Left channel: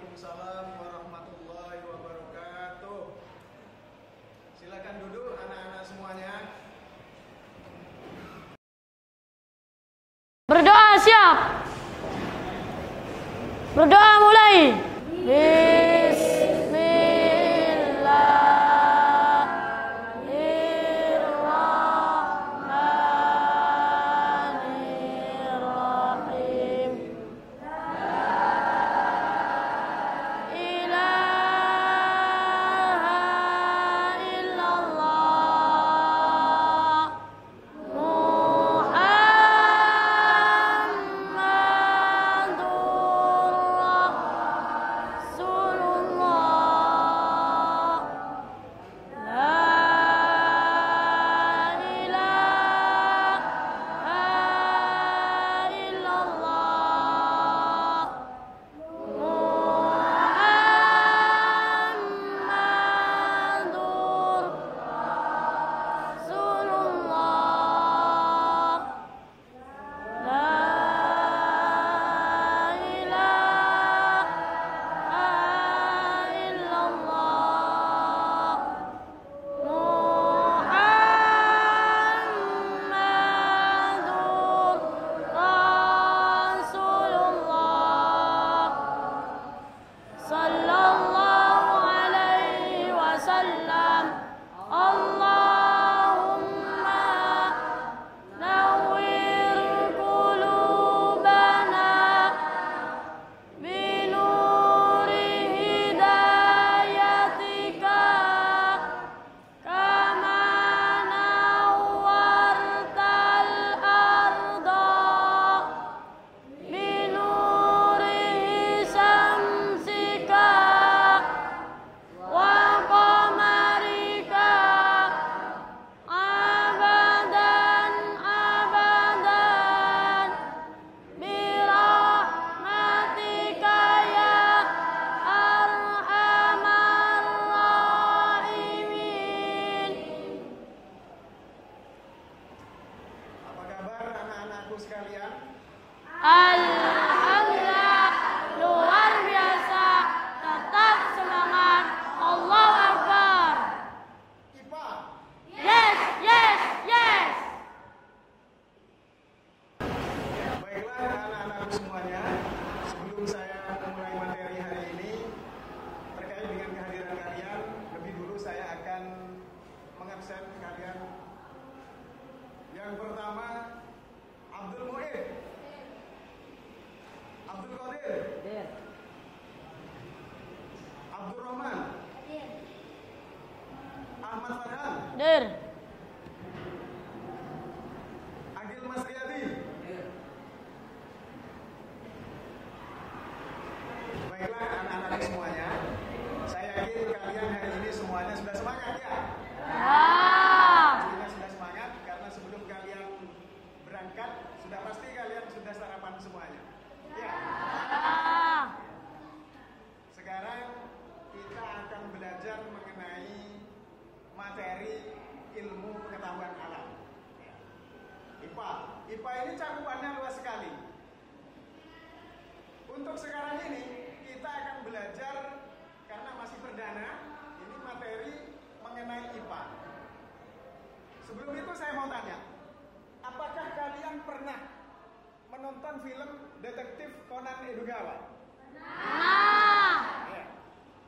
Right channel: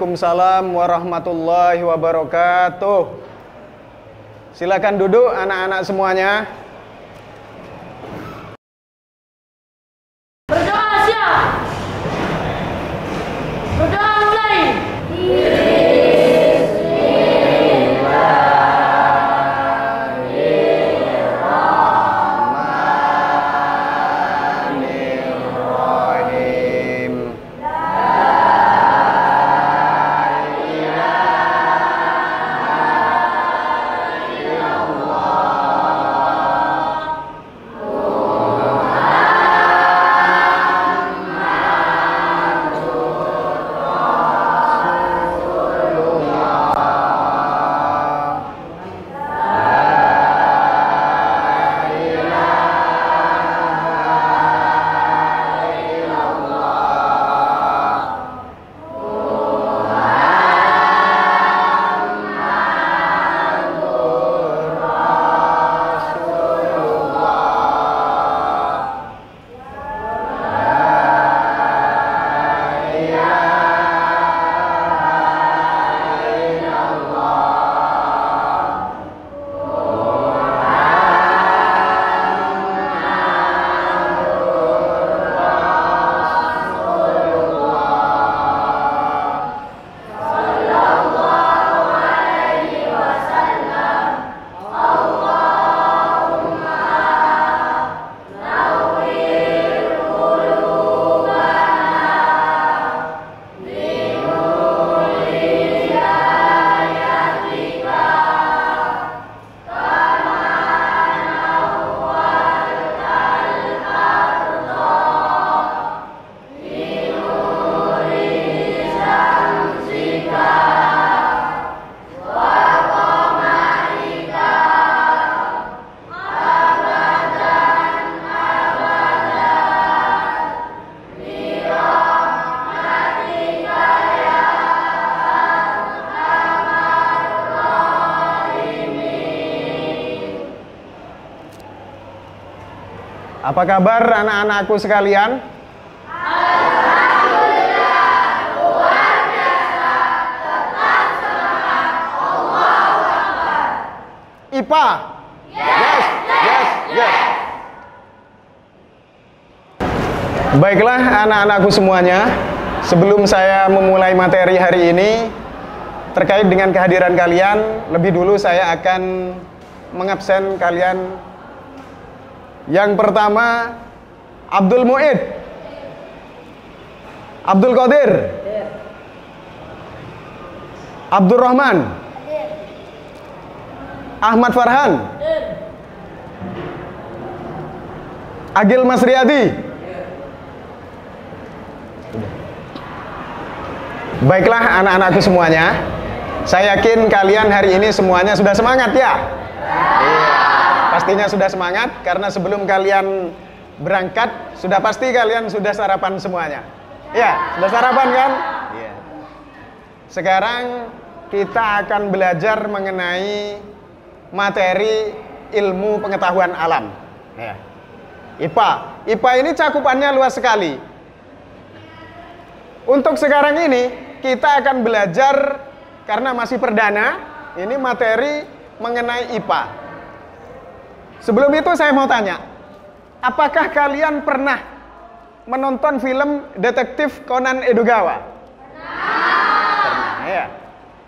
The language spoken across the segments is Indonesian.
Waalaikumsalam warahmatullahi wabarakatuh. Silakan duduk anak-anak semuanya. Berdoa siap. Berdoa mulai. Apa kabar anak-anakku sekalian? Alhamdulillah, luar biasa, tetap semangat, Allahu Akbar. IPA? Yes, yes, yes. Baiklah anak-anakku semuanya, sebelum saya memulai materi hari ini terkait dengan kehadiran kalian, lebih dulu saya akan mengabsen kalian. Yang pertama, Abdul Muid, Abdul Qadir, Abdul Rahman, Ahmad Farhan, Agil Masriadi. Baiklah anak-anakku semuanya, saya yakin kalian hari ini semuanya sudah semangat ya? Pastinya sudah semangat, karena sebelum kalian berangkat, sudah pasti kalian sudah sarapan semuanya. Ya, sudah sarapan kan? Iya. Sekarang kita akan belajar mengenai materi ilmu pengetahuan alam. Ya. IPA. IPA ini cakupannya luas sekali. Untuk sekarang ini, kita akan belajar, karena masih perdana, ini materi mengenai IPA. Sebelum itu saya mau tanya, apakah kalian pernah menonton film detektif Conan Edogawa? Pernah, ya.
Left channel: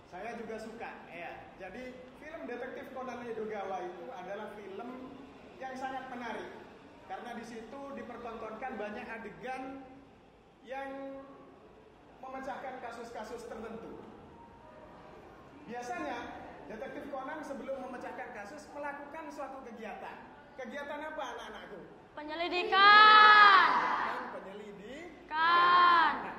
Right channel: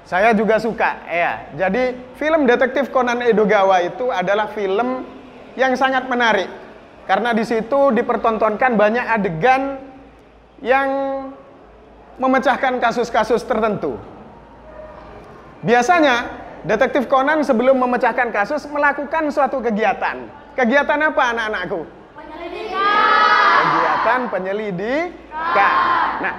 Saya juga suka, ya. Jadi film detektif Conan Edogawa itu adalah film yang sangat menarik, karena di situ dipertontonkan banyak adegan yang memecahkan kasus-kasus tertentu. Biasanya Detektif Conan sebelum memecahkan kasus melakukan suatu kegiatan. Kegiatan apa anak-anakku? Penyelidikan. Kegiatan penyelidikan. Nah,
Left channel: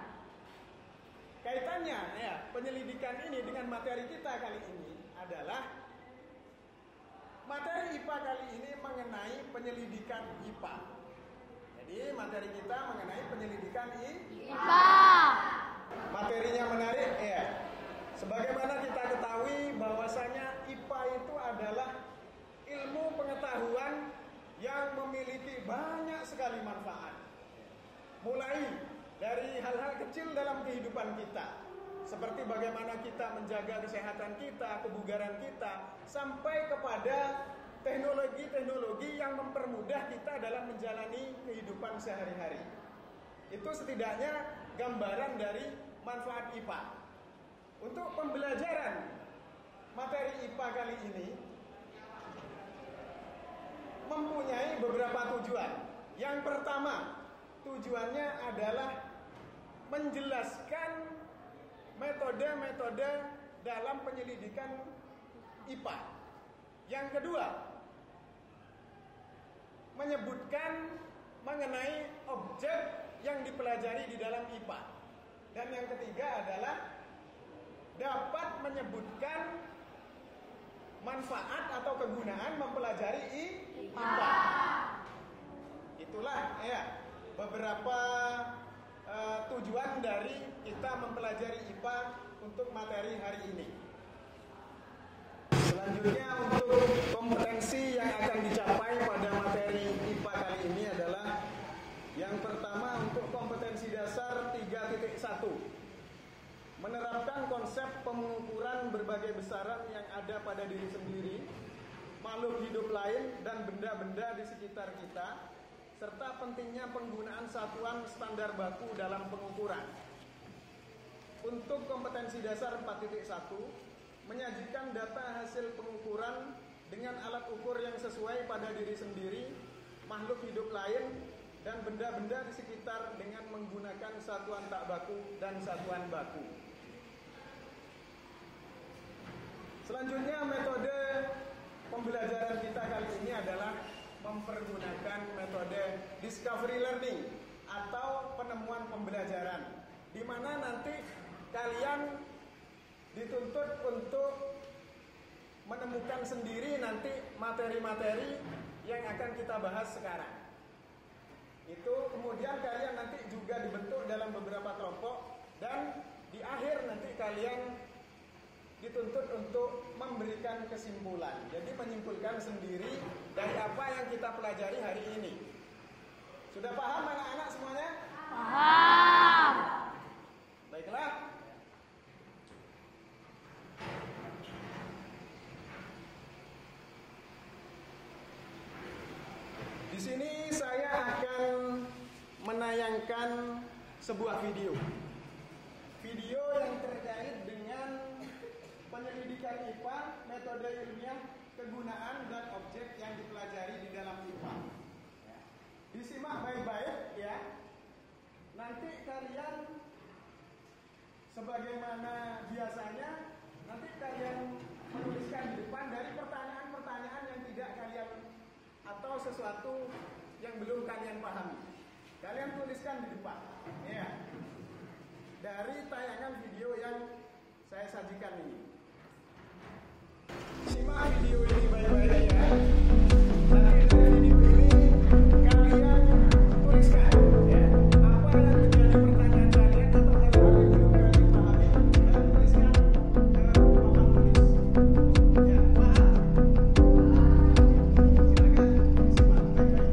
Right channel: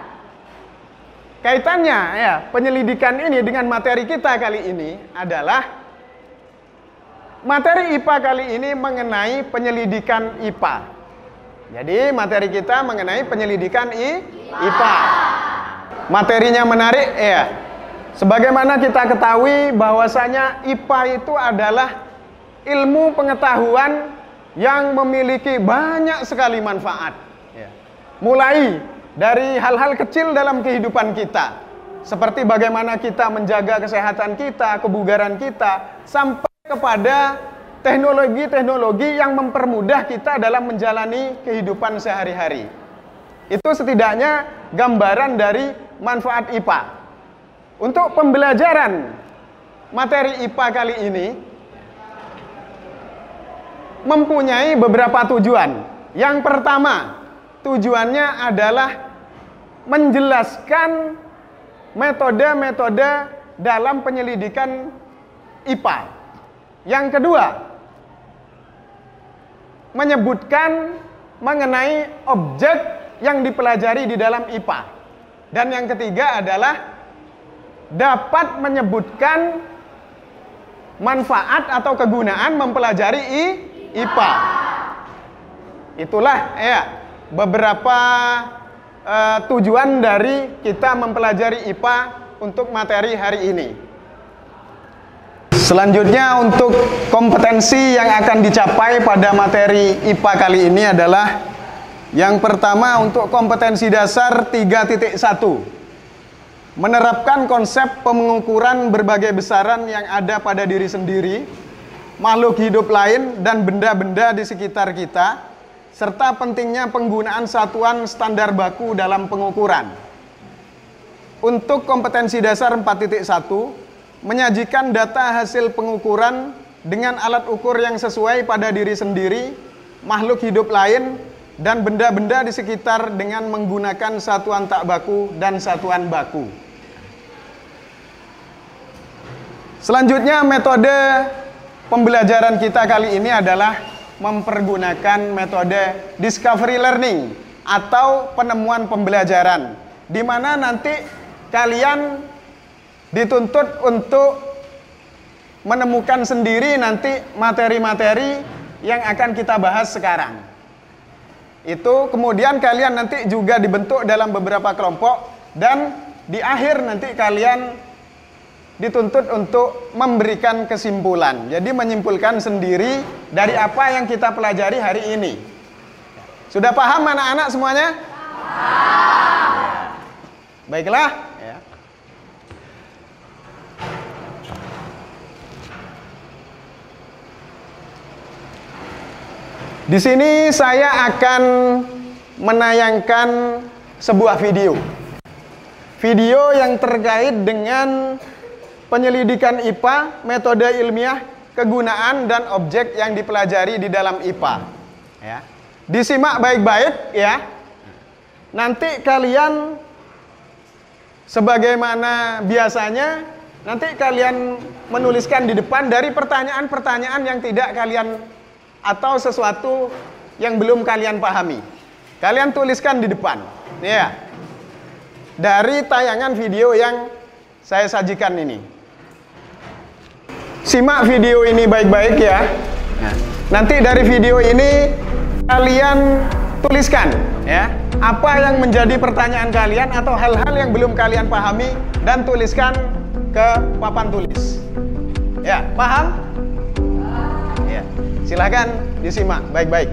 kaitannya ya, penyelidikan ini dengan materi kita kali ini adalah materi IPA kali ini mengenai penyelidikan IPA. Jadi materi kita mengenai penyelidikan IPA. Materinya menarik ya. Sebagaimana kita ketahui bahwasanya IPA itu adalah ilmu pengetahuan yang memiliki banyak sekali manfaat. Mulai dari hal-hal kecil dalam kehidupan kita. seperti bagaimana kita menjaga kesehatan kita, kebugaran kita, sampai kepada teknologi-teknologi yang mempermudah kita dalam menjalani kehidupan sehari-hari. Itu setidaknya gambaran dari manfaat IPA. Untuk pembelajaran materi IPA kali ini mempunyai beberapa tujuan. Yang pertama, tujuannya adalah menjelaskan metode-metode dalam penyelidikan IPA. Yang kedua, menyebutkan mengenai objek yang dipelajari di dalam IPA. Dan yang ketiga adalah dapat menyebutkan manfaat atau kegunaan mempelajari IPA. Itulah ya beberapa tujuan dari kita mempelajari IPA untuk materi hari ini. Selanjutnya untuk kompetensi yang akan dicapai pada materi IPA kali ini adalah yang pertama untuk kompetensi dasar 3.1. Menerapkan konsep pengukuran berbagai besaran yang ada pada diri sendiri, makhluk hidup lain, dan benda-benda di sekitar kita, serta pentingnya penggunaan satuan standar baku dalam pengukuran. Untuk kompetensi dasar 4.1, menyajikan data hasil pengukuran dengan alat ukur yang sesuai pada diri sendiri, makhluk hidup lain, dan benda-benda di sekitar dengan menggunakan satuan tak baku dan satuan baku. Selanjutnya metode pembelajaran kita kali ini adalah mempergunakan metode discovery learning atau penemuan pembelajaran, di mana nanti kalian dituntut untuk menemukan sendiri nanti materi-materi yang akan kita bahas sekarang. Itu kemudian kalian nanti juga dibentuk dalam beberapa kelompok, dan di akhir nanti kalian dituntut untuk memberikan kesimpulan. Jadi menyimpulkan sendiri dari apa yang kita pelajari hari ini. Sudah paham anak-anak semuanya? Paham. Baiklah. Ya. Di sini saya akan menayangkan sebuah video. Video yang terkait dengan penyelidikan IPA, metode ilmiah, kegunaan, dan objek yang dipelajari di dalam IPA. Ya. Disimak baik-baik ya. Nanti kalian sebagaimana biasanya, nanti kalian menuliskan di depan dari pertanyaan-pertanyaan yang tidak kalian atau sesuatu yang belum kalian pahami. Kalian tuliskan di depan. Ya. Dari tayangan video yang saya sajikan ini. Simak video ini baik-baik ya. Nanti dari video ini kalian tuliskan ya, apa yang menjadi pertanyaan kalian atau hal-hal yang belum kalian pahami, dan tuliskan ke papan tulis. Ya, paham? Ya. Silakan disimak baik-baik.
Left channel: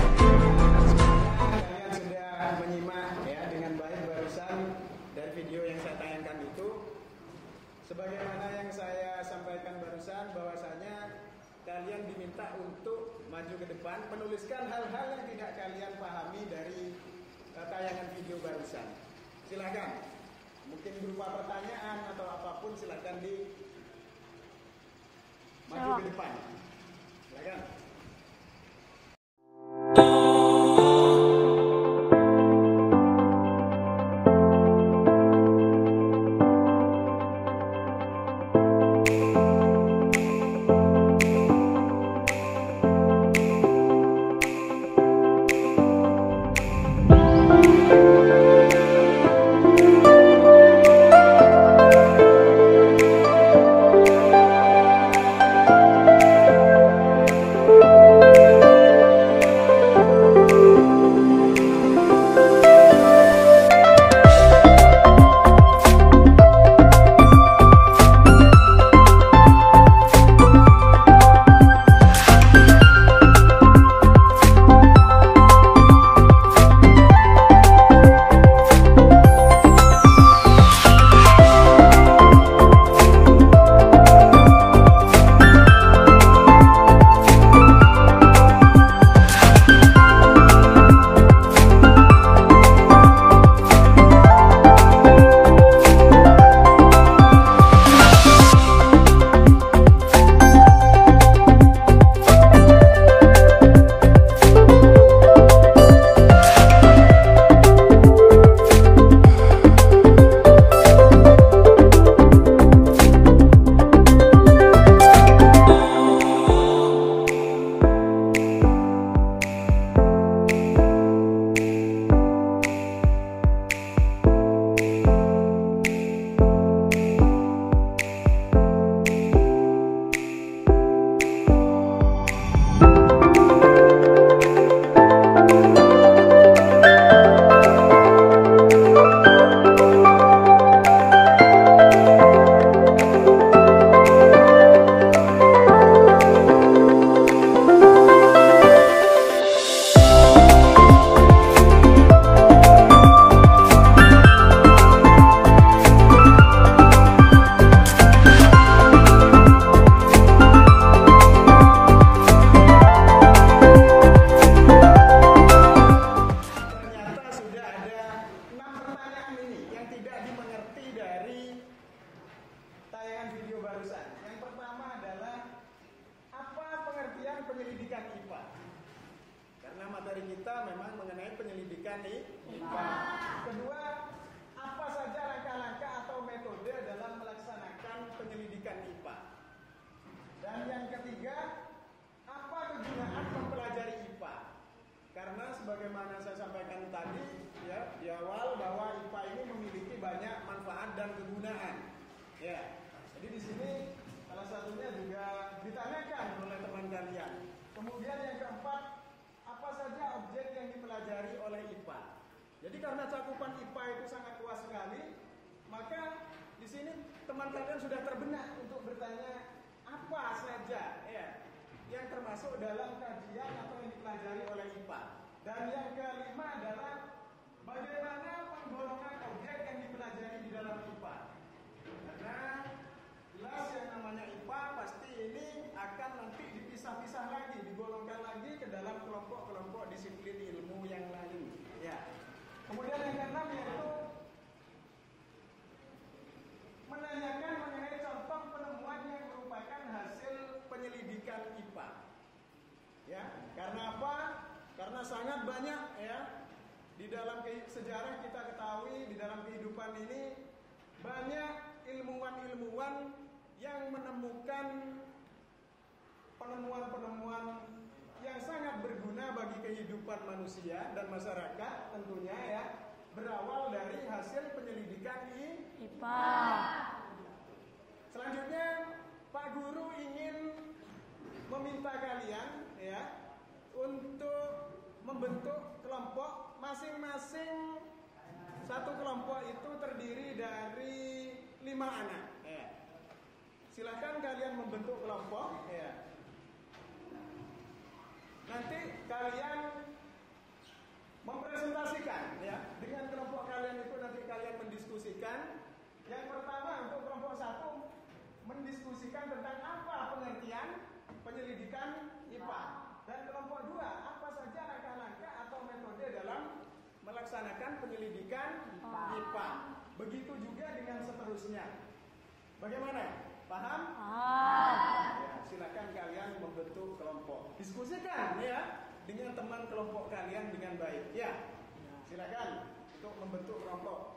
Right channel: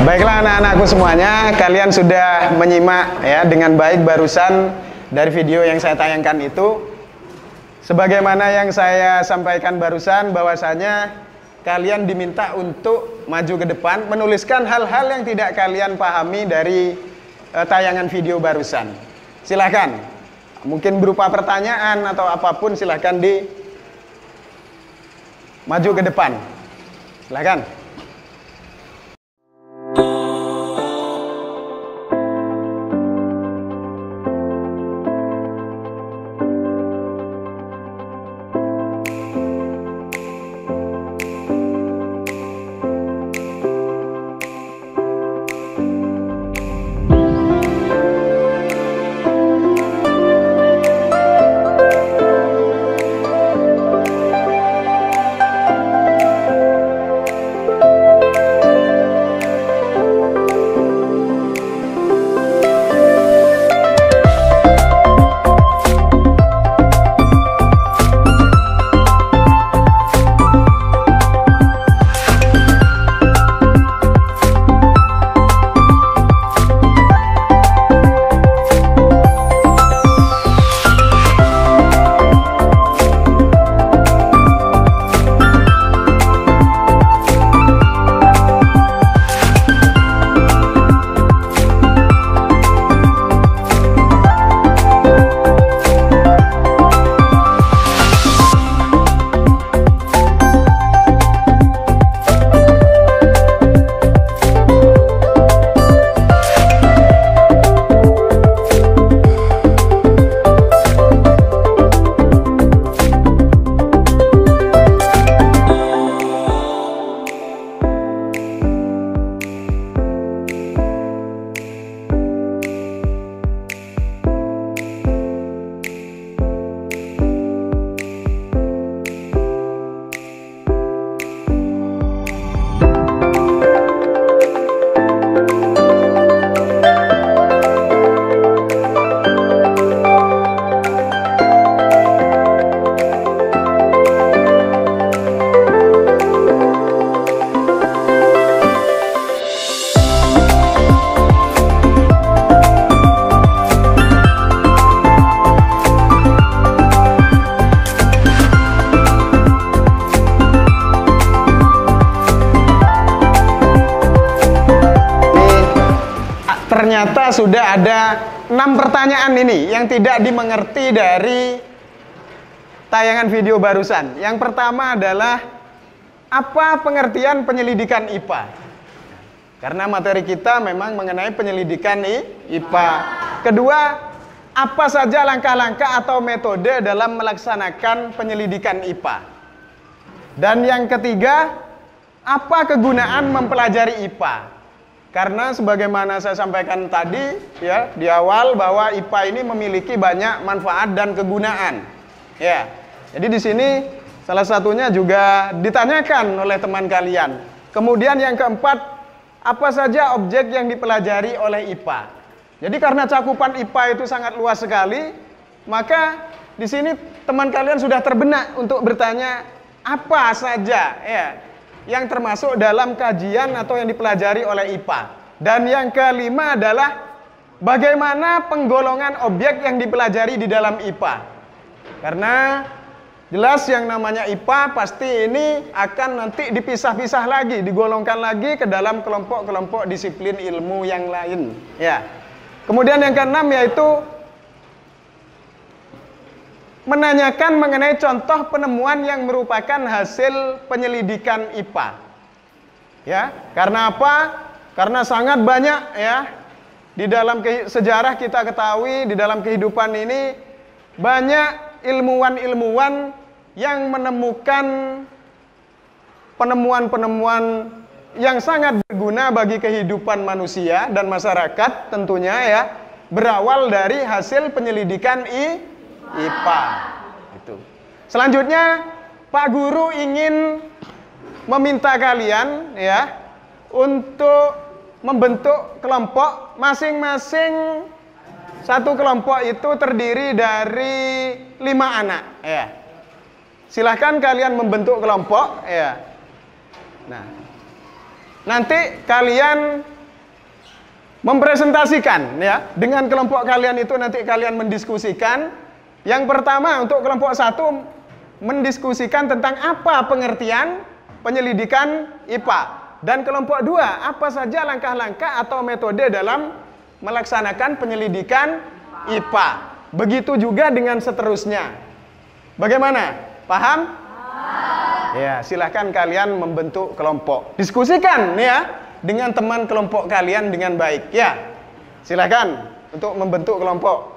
Baiklah anak-anakku semuanya, kalian sudah menyimak ya dengan baik barusan dari video yang saya tayangkan itu, sebagaimana yang saya sampaikan barusan, bahwasanya kalian diminta untuk maju ke depan, menuliskan hal-hal yang tidak kalian pahami dari tayangan video barusan. Silahkan, mungkin berupa pertanyaan atau apapun, silahkan maju ke depan. Silahkan. Ternyata sudah ada 6 pertanyaan ini yang tidak dimengerti dari tayangan video barusan. Yang pertama adalah, apa pengertian penyelidikan IPA? Karena materi kita memang mengenai penyelidikan IPA. Kedua, apa saja langkah-langkah atau metode dalam melaksanakan penyelidikan IPA? Dan yang ketiga, apa kegunaan mempelajari IPA? Karena sebagaimana saya sampaikan tadi ya di awal, bahwa IPA ini memiliki banyak manfaat dan kegunaan. Ya. Jadi di sini salah satunya juga ditanyakan oleh teman kalian. Kemudian yang keempat, apa saja objek yang dipelajari oleh IPA? Jadi karena cakupan IPA itu sangat luas sekali, maka di sini teman kalian sudah terbenak untuk bertanya apa saja ya yang termasuk dalam kajian atau yang dipelajari oleh IPA. Dan yang kelima adalah bagaimana penggolongan objek yang dipelajari di dalam IPA. Karena jelas yang namanya IPA pasti ini akan nanti dipisah-pisah lagi, digolongkan lagi ke dalam kelompok-kelompok disiplin ilmu yang lain. Ya. Kemudian yang keenam yaitu menanyakan mengenai contoh penemuan yang merupakan hasil penyelidikan IPA. Ya, karena apa? Karena sangat banyak ya di dalam sejarah kita ketahui, di dalam kehidupan ini banyak ilmuwan-ilmuwan yang menemukan penemuan-penemuan yang sangat berguna bagi kehidupan manusia dan masyarakat tentunya ya, berawal dari hasil penyelidikan IPA. Itu. Selanjutnya, Pak Guru ingin meminta kalian ya untuk membentuk kelompok, masing-masing satu kelompok itu terdiri dari 5 anak ya. Silahkan kalian membentuk kelompok ya. Nah, nanti kalian mempresentasikan ya dengan kelompok kalian itu, nanti kalian mendiskusikan. Yang pertama untuk kelompok 1 mendiskusikan tentang apa pengertian penyelidikan IPA, dan kelompok 2 apa saja langkah-langkah atau metode dalam melaksanakan penyelidikan IPA. Begitu juga dengan seterusnya. Bagaimana? Paham? Ya, silahkan kalian membentuk kelompok. Diskusikan ya dengan teman kelompok kalian dengan baik ya. Silahkan untuk membentuk kelompok.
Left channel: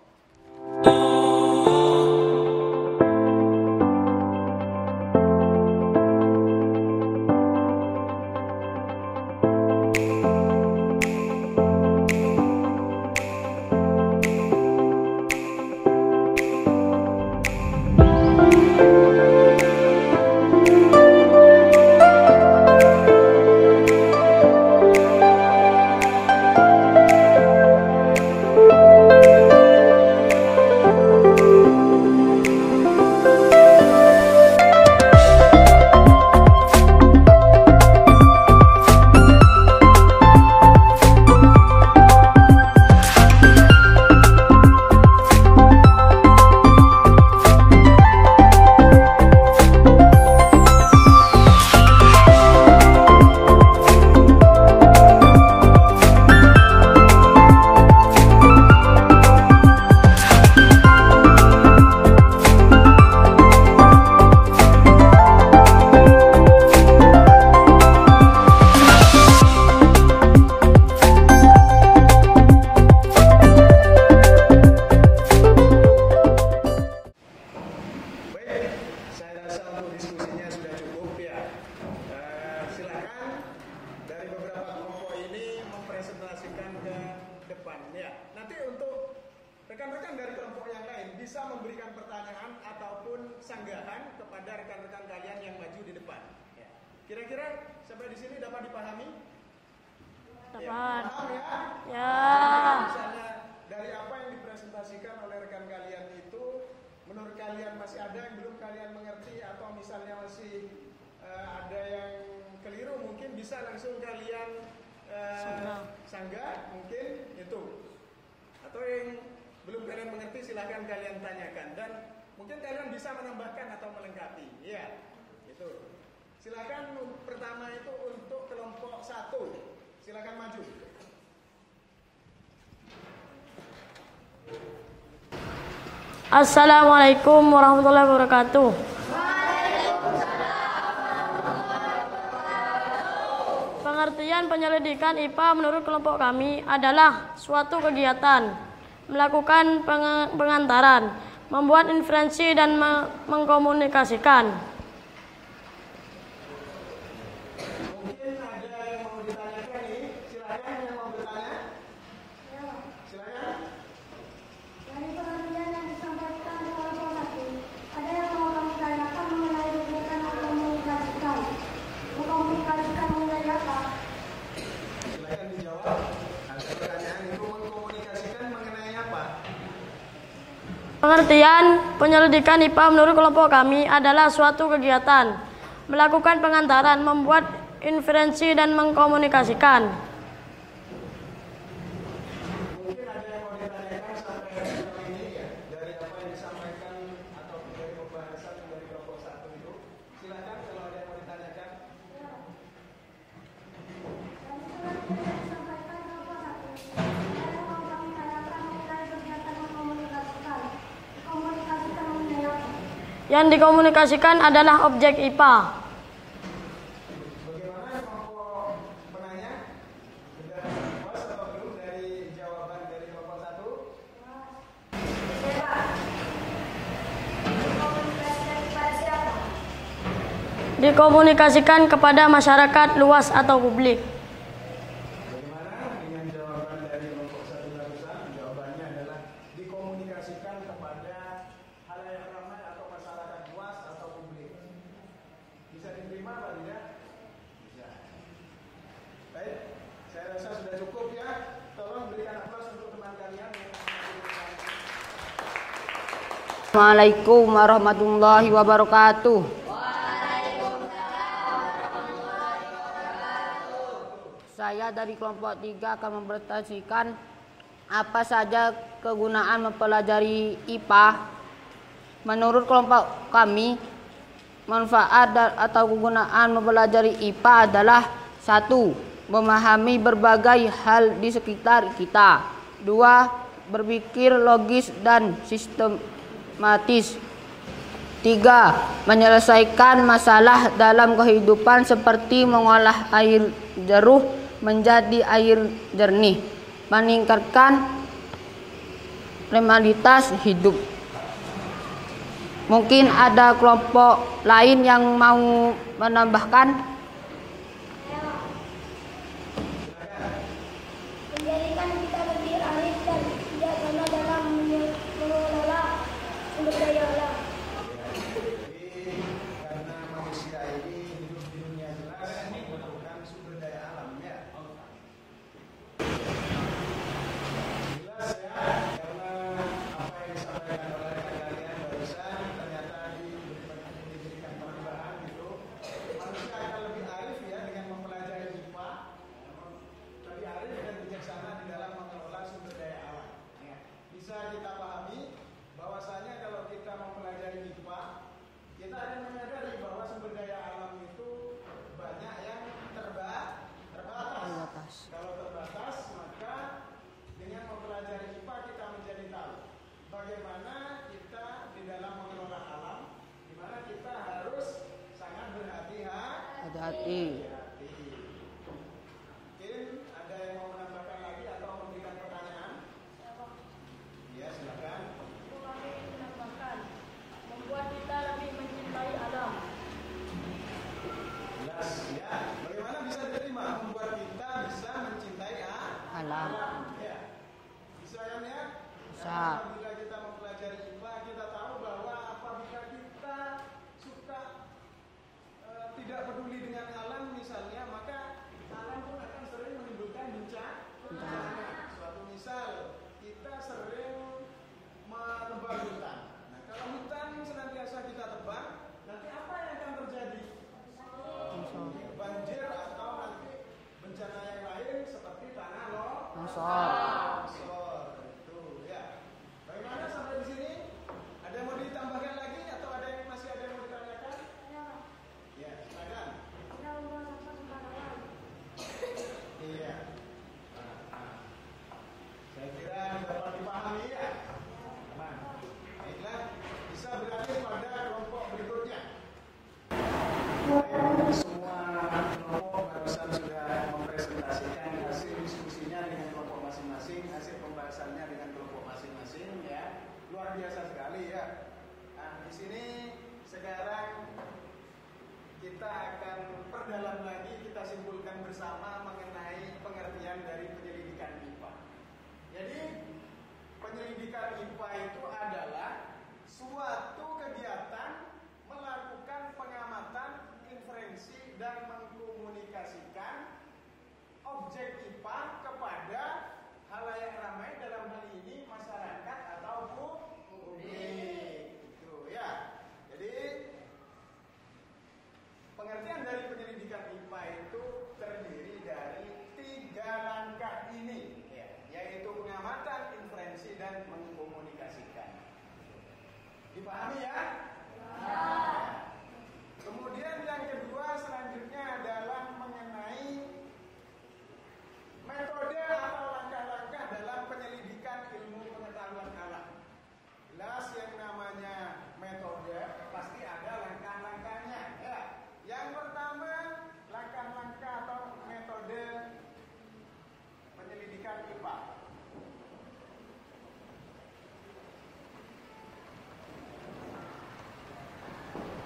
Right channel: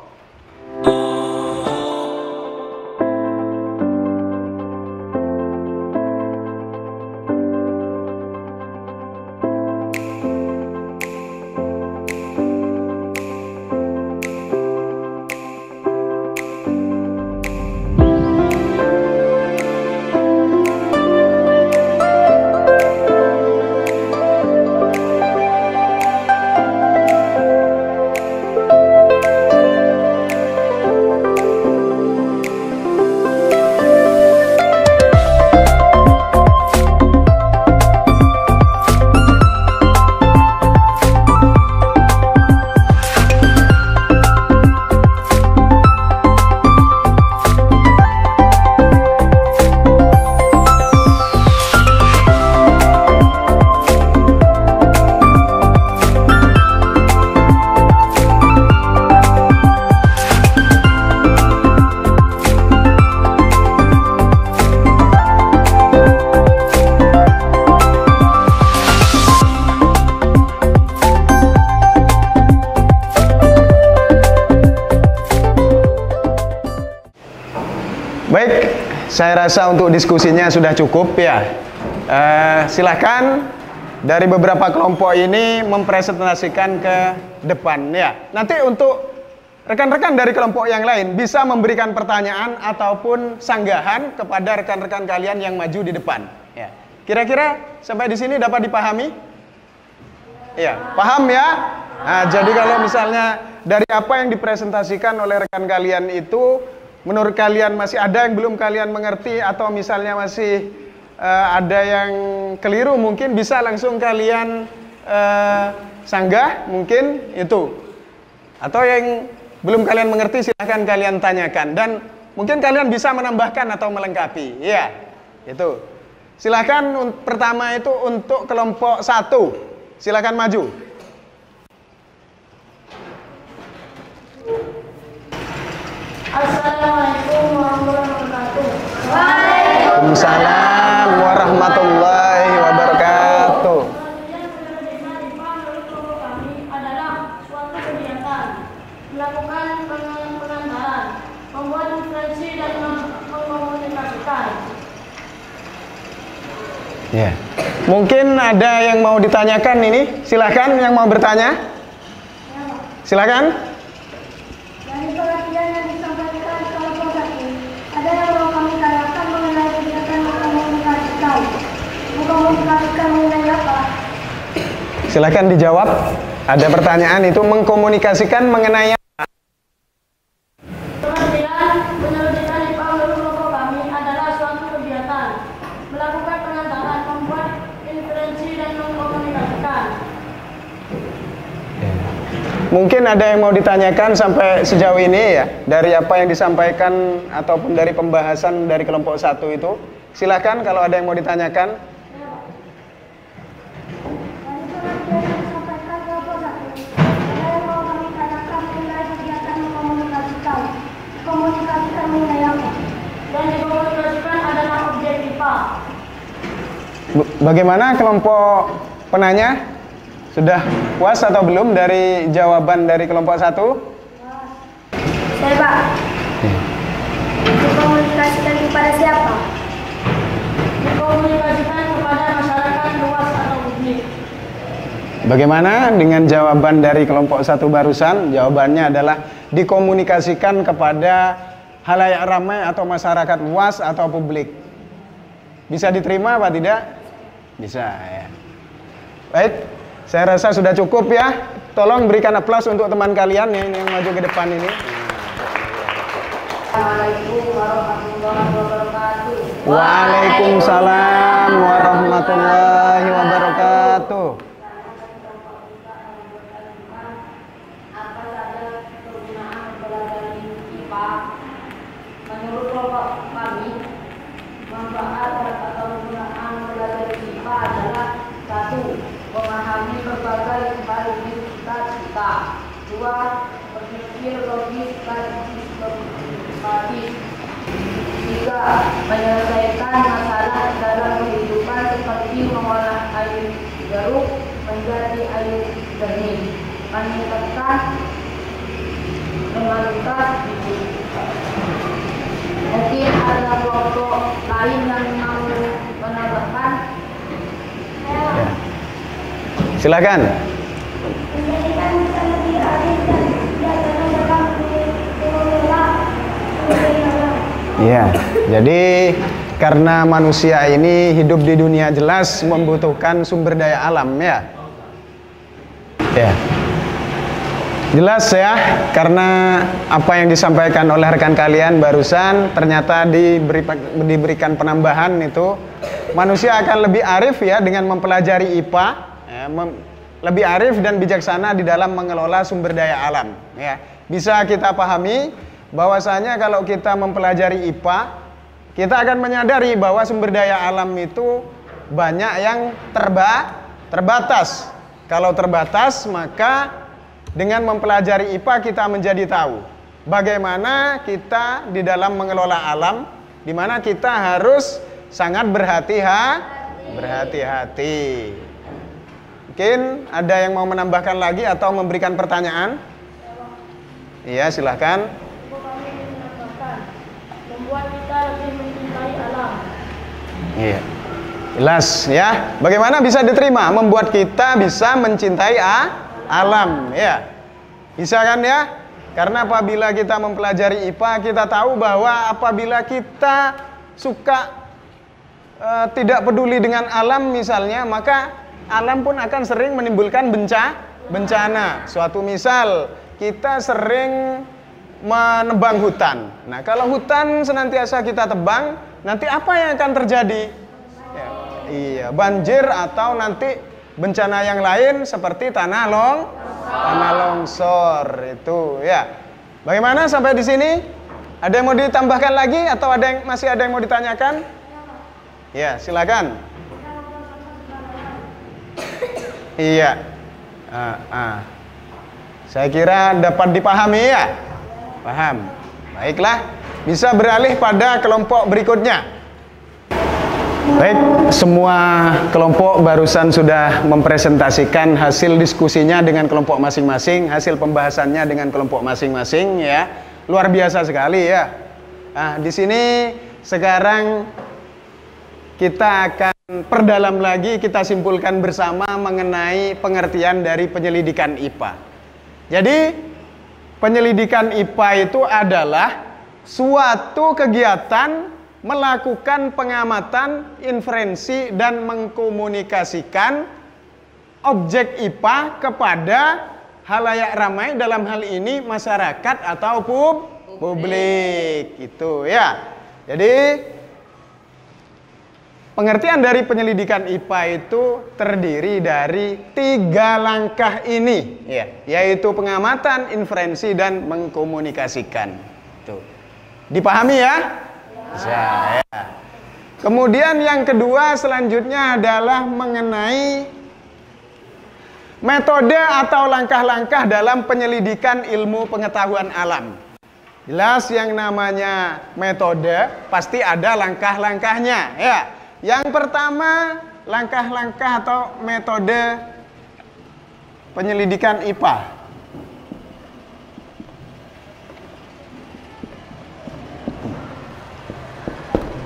Baik, saya rasa untuk diskusinya sudah cukup ya. Silahkan dari beberapa kelompok ini mempresentasikan ke depan ya. Nanti untuk rekan-rekan dari kelompok yang lain bisa memberikan pertanyaan ataupun sanggahan kepada rekan-rekan kalian yang maju di depan. Ya. Kira-kira sampai di sini dapat dipahami? Ya, paham ya? Nah, jadi kalau misalnya dari apa yang dipresentasikan oleh rekan kalian itu, menurut kalian masih ada yang belum kalian mengerti, atau misalnya masih ada yang keliru, mungkin bisa langsung kalian sanggah mungkin itu. Atau yang belum kalian mengerti silahkan kalian tanyakan, dan mungkin kalian bisa menambahkan atau melengkapi. Ya, itu. Silahkan pertama itu untuk kelompok 1. Silahkan maju. Assalamualaikum warahmatullahi wabarakatuh. Waalaikumsalam warahmatullahi wabarakatuh. Pengertian penyelidikan IPA menurut kelompok kami adalah suatu kegiatan melakukan pengantaran, membuat inferensi dan mengkomunikasikan. Ya. Mungkin ada yang mau ditanyakan ini, silakan yang mau bertanya. Silakan. Dari pengertian yang disampaikan kelompok 1, ada yang mau kami tanyakan mengenai kegiatan mengkomunikasikan. Mengkomunikasikan mengenai apa? Silakan dijawab. Ada pertanyaan itu mengkomunikasikan mengenai apa? Pengertian penyelidikan IPA menurut kelompok kami adalah suatu kegiatan melakukan pengantaran, membuat inferensi dan mengkomunikasikan. Mungkin ada yang mau ditanyakan sampai sejauh ini ya, dari apa yang disampaikan ataupun dari pembahasan dari kelompok 1 itu. Silakan kalau ada yang mau ditanyakan. Dari pengertian yang disampaikan kelompok 1, ada yang mau kami tanyakan mengenai kegiatan mengkomunikasikan. Komunikasikan mengenai apa? Yang dikomunikasikan adalah objek IPA. Bagaimana kelompok penanya? Sudah puas atau belum dari jawaban dari kelompok 1? Saya Pak. Dikomunikasikan kepada siapa? Dikomunikasikan kepada masyarakat luas atau publik. Bagaimana dengan jawaban dari kelompok 1 barusan? Jawabannya adalah dikomunikasikan kepada halayak ramai atau masyarakat luas atau publik. Bisa diterima apa tidak? Bisa ya. Baik, saya rasa sudah cukup ya. Tolong berikan aplaus untuk teman kalian yang maju ke depan ini. Assalamualaikum warahmatullahi wabarakatuh. Waalaikumsalam warahmatullahi wabarakatuh. Saya dari kelompok 3 kita akan mempresentasikan apa saja kegunaan mempelajari IPA. Menurut kelompok kami, manfaat atau kegunaan mempelajari IPA adalah: 1. Memahami berbagai hal di sekitar kita. 2. Berpikir logis dan sistematis. 3. Menyelesaikan masalah dalam kehidupan seperti mengolah air jeruk menjadi air jernih. Meningkatkan kualitas hidup. Mungkin ada kelompok lain yang mau menambahkan? Ya. Silakan. Iya, jadi karena manusia ini hidup di dunia jelas membutuhkan sumber daya alam, ya. Ya. Jelas ya, karena apa yang disampaikan oleh rekan kalian barusan ternyata diberikan penambahan itu manusia akan lebih arif ya dengan mempelajari IPA, ya, lebih arif dan bijaksana di dalam mengelola sumber daya alam. Ya. Bisa kita pahami bahwasanya kalau kita mempelajari IPA, kita akan menyadari bahwa sumber daya alam itu banyak yang terbatas. Kalau terbatas, maka dengan mempelajari IPA kita menjadi tahu bagaimana kita di dalam mengelola alam, di mana kita harus sangat berhati-hati. Mungkin ada yang mau menambahkan lagi atau memberikan pertanyaan? Iya, silahkan. Membuat kita lebih mencintai alam. Iya, jelas ya. Bagaimana bisa diterima? Membuat kita bisa mencintai alam, ya. Bisa kan ya? Karena apabila kita mempelajari IPA, kita tahu bahwa apabila kita suka tidak peduli dengan alam misalnya, maka alam pun akan sering menimbulkan bencana. Suatu misal, kita sering menebang hutan. Nah, kalau hutan senantiasa kita tebang, nanti apa yang akan terjadi? Ya, iya, banjir atau nanti bencana yang lain seperti tanah longsor itu ya. Bagaimana sampai di sini? Ada yang mau ditambahkan lagi atau masih ada yang mau ditanyakan? Ya, silakan. Iya. Saya kira dapat dipahami ya. Paham. Baiklah, bisa beralih pada kelompok berikutnya. Baik, semua kelompok barusan sudah mempresentasikan hasil diskusinya dengan kelompok masing-masing, hasil pembahasannya dengan kelompok masing-masing ya. Luar biasa sekali ya. Nah, di sini sekarang kita akan perdalam lagi, kita simpulkan bersama mengenai pengertian dari penyelidikan IPA. Jadi, penyelidikan IPA itu adalah suatu kegiatan melakukan pengamatan, inferensi, dan mengkomunikasikan objek IPA kepada halayak ramai, dalam hal ini masyarakat atau publik. Itu ya. Jadi pengertian dari penyelidikan IPA itu terdiri dari 3 langkah ini, ya, yaitu pengamatan, inferensi, dan mengkomunikasikan. Tuh. Dipahami ya? Ya. Kemudian yang kedua selanjutnya adalah mengenai metode atau langkah-langkah dalam penyelidikan ilmu pengetahuan alam. Jelas yang namanya metode pasti ada langkah-langkahnya ya. Yang pertama, langkah-langkah atau metode penyelidikan IPA.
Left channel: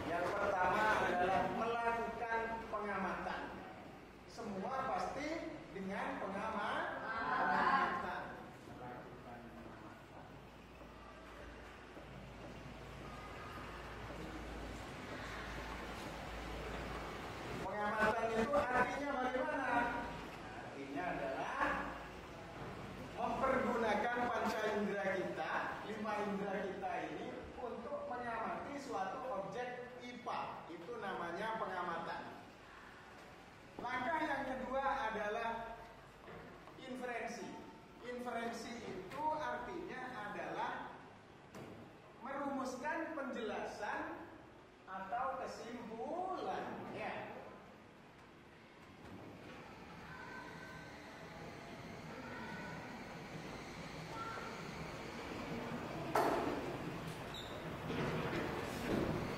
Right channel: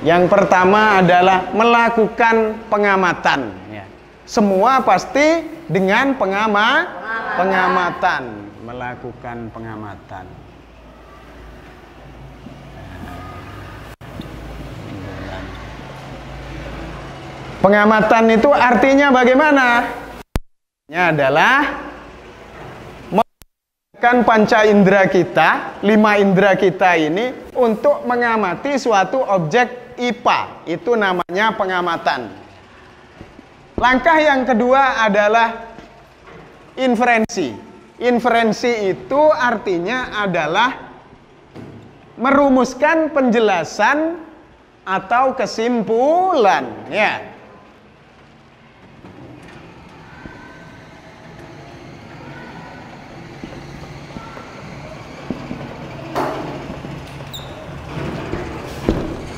Yang pertama adalah melakukan pengamatan. Ya. Semua pasti dengan pengamatan. Melakukan pengamatan. Pengamatan itu artinya bagaimana? Artinya adalah mempergunakan panca indera kita, 5 indera kita ini untuk mengamati suatu objek IPA. Itu namanya pengamatan. Langkah yang kedua adalah inferensi. Inferensi itu artinya adalah merumuskan penjelasan atau kesimpulan, ya.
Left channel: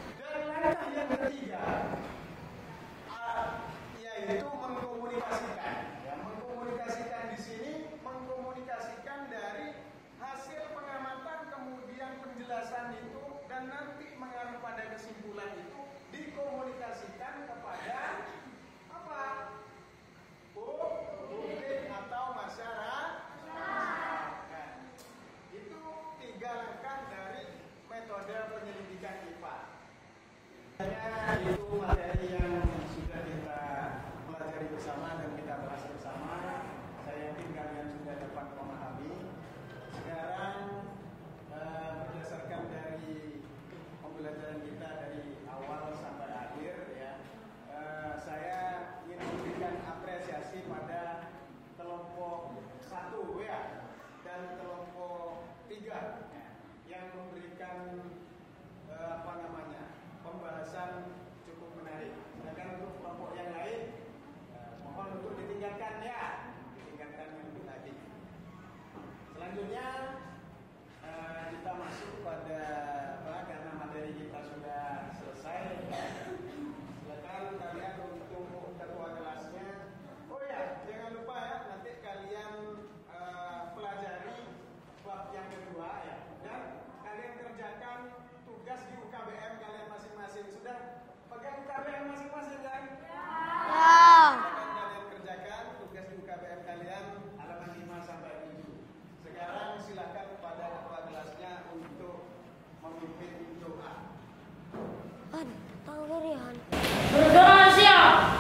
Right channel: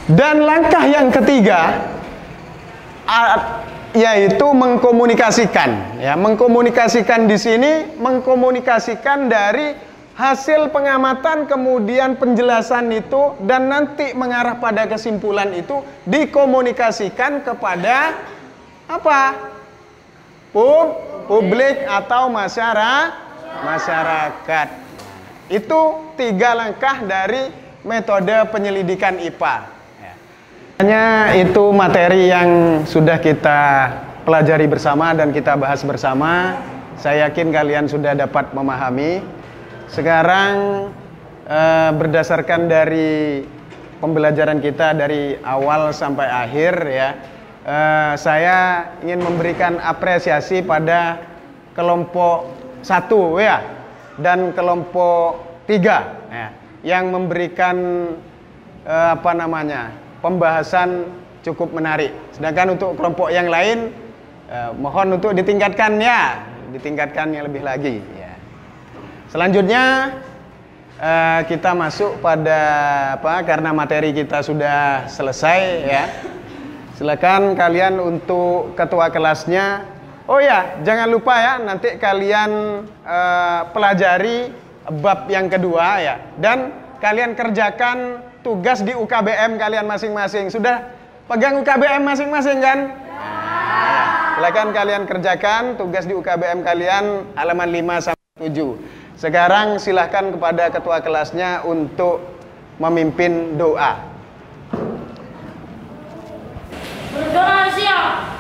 Dan langkah yang ketiga yaitu mengkomunikasikan, ya. Mengkomunikasikan di sini mengkomunikasikan dari hasil pengamatan, kemudian penjelasan itu, dan nanti mengarah pada kesimpulan itu dikomunikasikan kepada apa? Publik atau masyarakat. Itu 3 langkah dari metode penyelidikan IPA. Hanya itu materi yang sudah kita pelajari bersama dan kita bahas bersama. Saya yakin kalian sudah dapat memahami. Sekarang berdasarkan dari pembelajaran kita dari awal sampai akhir, ya, saya ingin memberikan apresiasi pada kelompok 1, ya, dan kelompok 3, ya, yang memberikan pembahasan cukup menarik. Sedangkan untuk kelompok yang lain mohon untuk ditingkatkannya lebih lagi, ya. Selanjutnya kita masuk pada karena materi kita sudah selesai, ya. Silakan kalian untuk ketua kelasnya. Oh ya, jangan lupa ya, nanti kalian pelajari bab yang kedua, ya, dan kalian kerjakan tugas di UKBM kalian masing-masing. Sudah pegang UKBM masing-masing kan? Silakan kalian kerjakan tugas di UKBM kalian halaman 5 sampai 7. Sekarang silahkan kepada ketua kelasnya untuk memimpin doa. Berdoa siap.